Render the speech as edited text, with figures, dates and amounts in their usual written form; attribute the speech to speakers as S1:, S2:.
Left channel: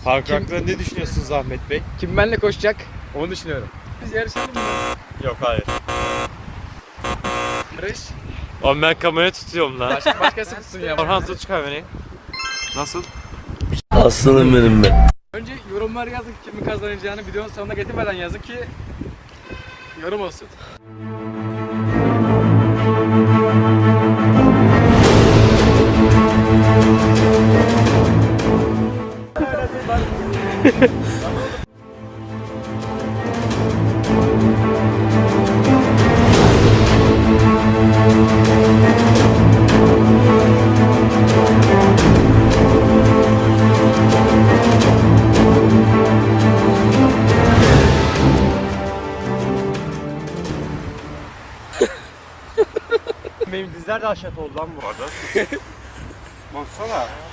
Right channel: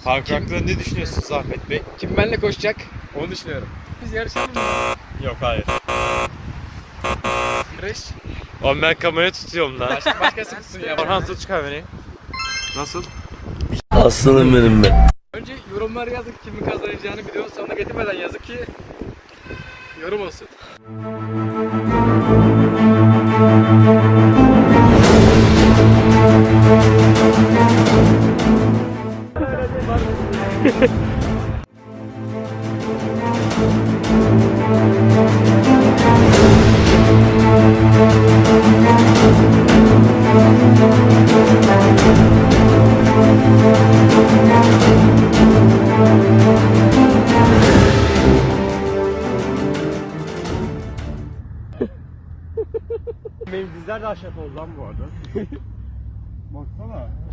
S1: Parkur hakkında ne düşünüyorsunuz Ahmet Bey?
S2: Kim benimle koşacak? Onu düşünüyorum. Biz yarışalım mı?
S1: Yok hayır.
S2: Yarış.
S1: Oğlum ben kamerayı tutuyorum lan.
S2: Başkası mısın ya?
S1: Orhan tut kamerayı. Nasıl?
S3: Aslanım benim be.
S2: Önce yorumları yazın kimin kazanacağını videonun sonuna getirmeden yazın ki yorum olsun.
S1: Benim dizler de aşağı oldu lan bu arada. Baksana.